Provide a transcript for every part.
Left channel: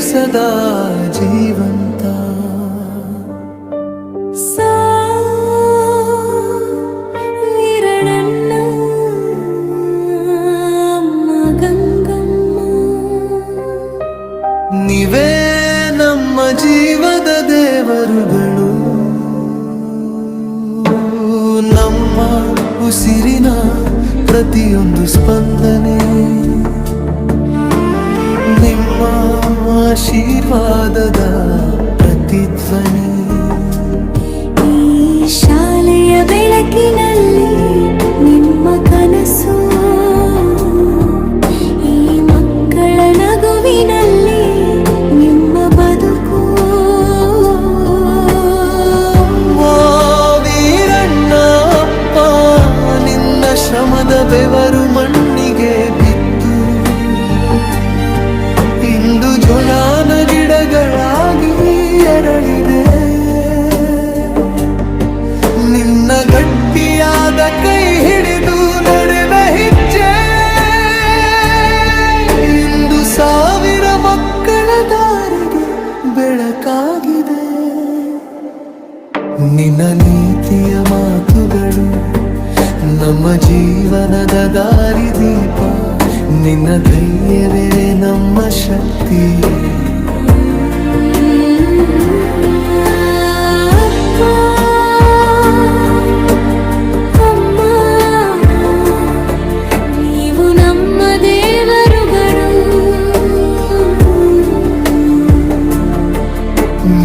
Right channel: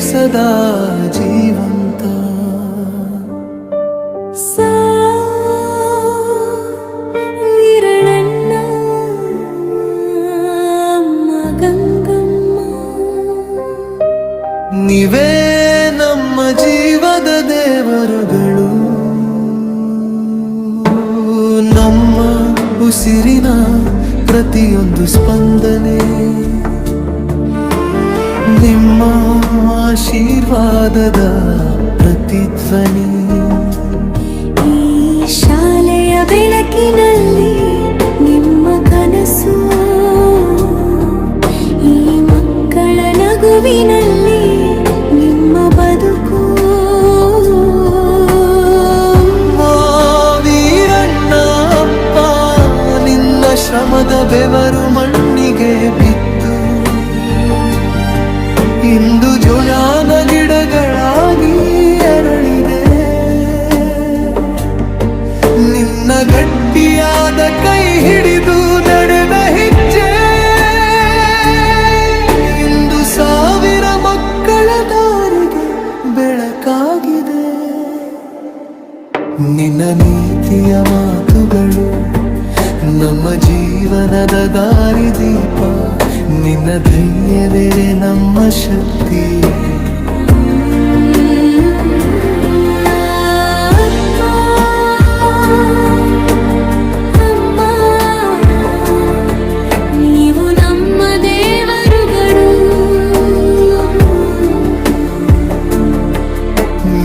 ಸದಾ ಜೀವಂತ. ವೀರಣ್ಣ ಗಂಗಮ್ಮ, ನೀವೇ ನಮ್ಮ ಜೀವದ ದೇವರುಗಳು, ನಮ್ಮ ಉಸಿರಿನ ಪ್ರತಿಯೊಂದು ಸ್ಪಂದನೆ ನಿಮ್ಮ ಆಶೀರ್ವಾದದ ಪ್ರತಿಧ್ವನಿ. ಈ ಶಾಲೆಯ ಬೆಳಕಿನಲ್ಲಿ ನಿಮ್ಮ ಕನಸು, ಈ ಮಕ್ಕಳ ನಗುವಿನಲ್ಲಿ ನಿಮ್ಮ ಬದುಕು. ವೀರಣ್ಣ ಅಪ್ಪ, ನಿನ್ನ ಶ್ರಮದ ಬೆವರು ಮಣ್ಣಿಗೆ ಬಿತ್ತು ಇಂದು ಜೋಳಾನ ಗಿಡಗಳಾಗಿ ಅರಳಿದೆ. ನಿನ್ನ ಗಟ್ಟಿಯಾದ ಕೈ ಹಿಡಿದು ನಡೆದ ಹೆಜ್ಜೆ ಇಂದು ಸಾವಿರ ಮಕ್ಕಳ ದಾರಿಗೆ ಬೆಳಕಾಗಿದೆ. ನಿನ್ನ ನೀತಿಯ ಮಾತುಗಳು ನಮ್ಮ ಜೀವನದ ದಾರಿದೀಪ, ನಿನ್ನ ಧೈರ್ಯವೇ ನಮ್ಮ ಶಕ್ತಿ. ಅಪ್ಪ ಅಮ್ಮ, ನೀವು ನಮ್ಮ ದೇವರುಗಳು.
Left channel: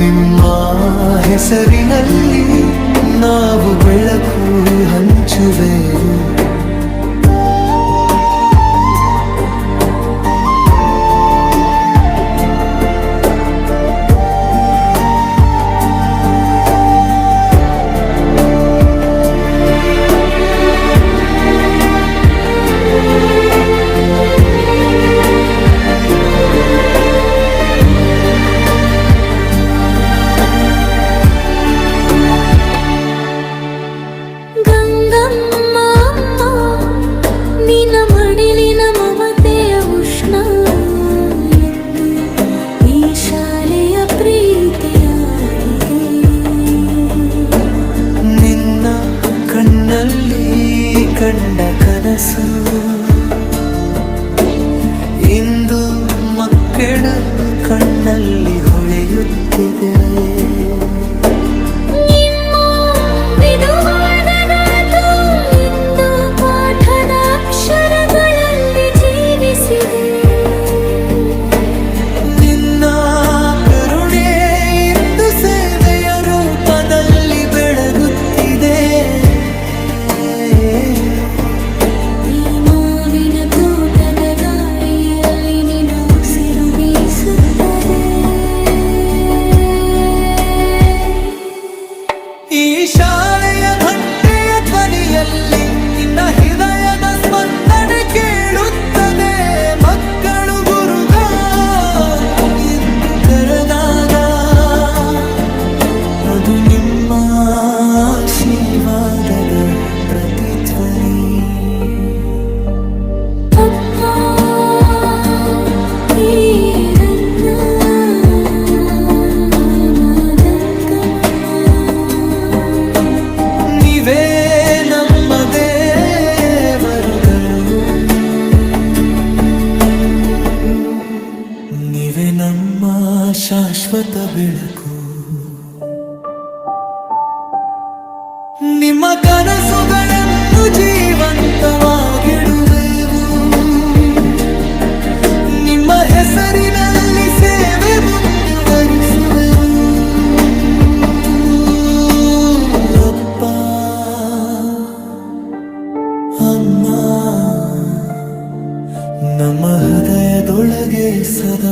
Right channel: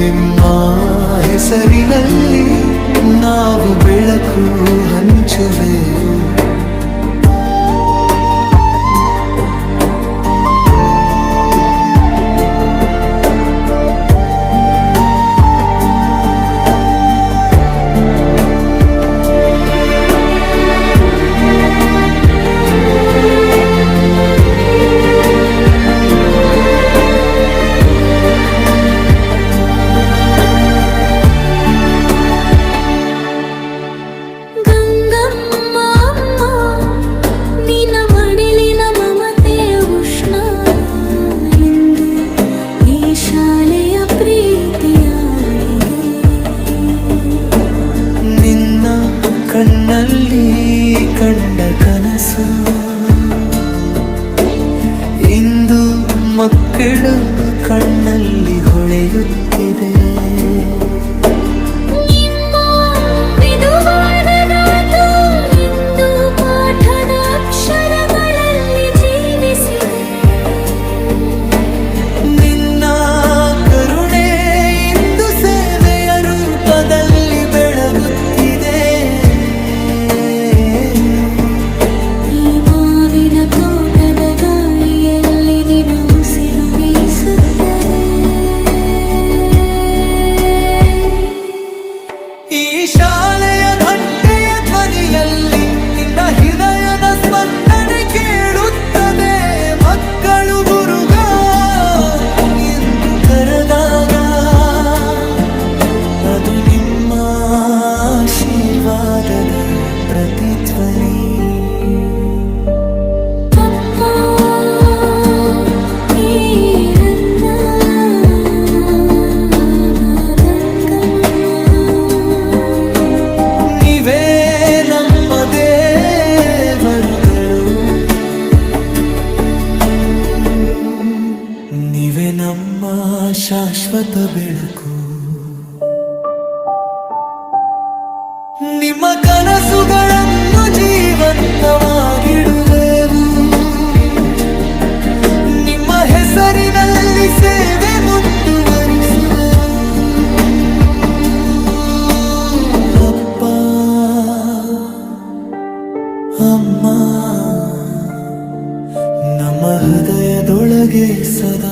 ನಿಮ್ಮ ಹೆಸರಿನಲ್ಲಿ ನಾವು ಬೆಳಕು ಹಂಚುವೆವು. ನಿನ್ನ ಕಣ್ಣಲ್ಲಿ ಕಂಡ ಕನಸು ಇಂದು ಮಕ್ಕಳು ಕಣ್ಣಲ್ಲಿ ಹೊಳೆಯುತ್ತಿದೆ. ಇಂದು ಪಾಠದ ಅಕ್ಷರಗಳಲ್ಲಿ ಜೀವಿಸಿದೆ. ನಿನ್ನ ಕರುಣೆ ಇಂದು ಸೇವೆಯ ರೂಪದಲ್ಲಿ ಬೆಳಗುತ್ತಿದೆ. ಈ ಮಾವಿನ ತೋಟದ ಗಾಳಿಯಲ್ಲಿ ನಿನ್ನ ಉಸಿರು ಬೀಸುತ್ತದೆ. ಈ ಶಾಲೆಯ ಘಂಟೆಯ ಧ್ವನಿಯಲ್ಲಿ ನಿನ್ನ ಹೃದಯದ ಸ್ಪಂದನೆ ಕೇಳುತ್ತದೆ. ಮಕ್ಕಳು ಗುರುಗ ಎಂದು ಕರೆದಾಗ ಅದು ನಿಮ್ಮ ಆಶೀರ್ವಾದದ ಪ್ರತಿಧ್ವನಿ. ನೀವೇ ನಮ್ಮ ದೇವರುಗಳು, ನೀವೇ ನಮ್ಮ ಶಾಶ್ವತ ಬೆಳಕು. ನಿಮ್ಮ ಕನಸುಗಳನ್ನು ಜೀವಂತವಾಗಿಡುವೆವು. ನಿಮ್ಮ ಹೆಸರಿನಲ್ಲಿ ಸೇವೆ ಮುಂದುವರಿಸುವೆವು. ಅಪ್ಪ ಅಮ್ಮ, ನಮ್ಮ ಹೃದಯದೊಳಗೆ ಸದಾ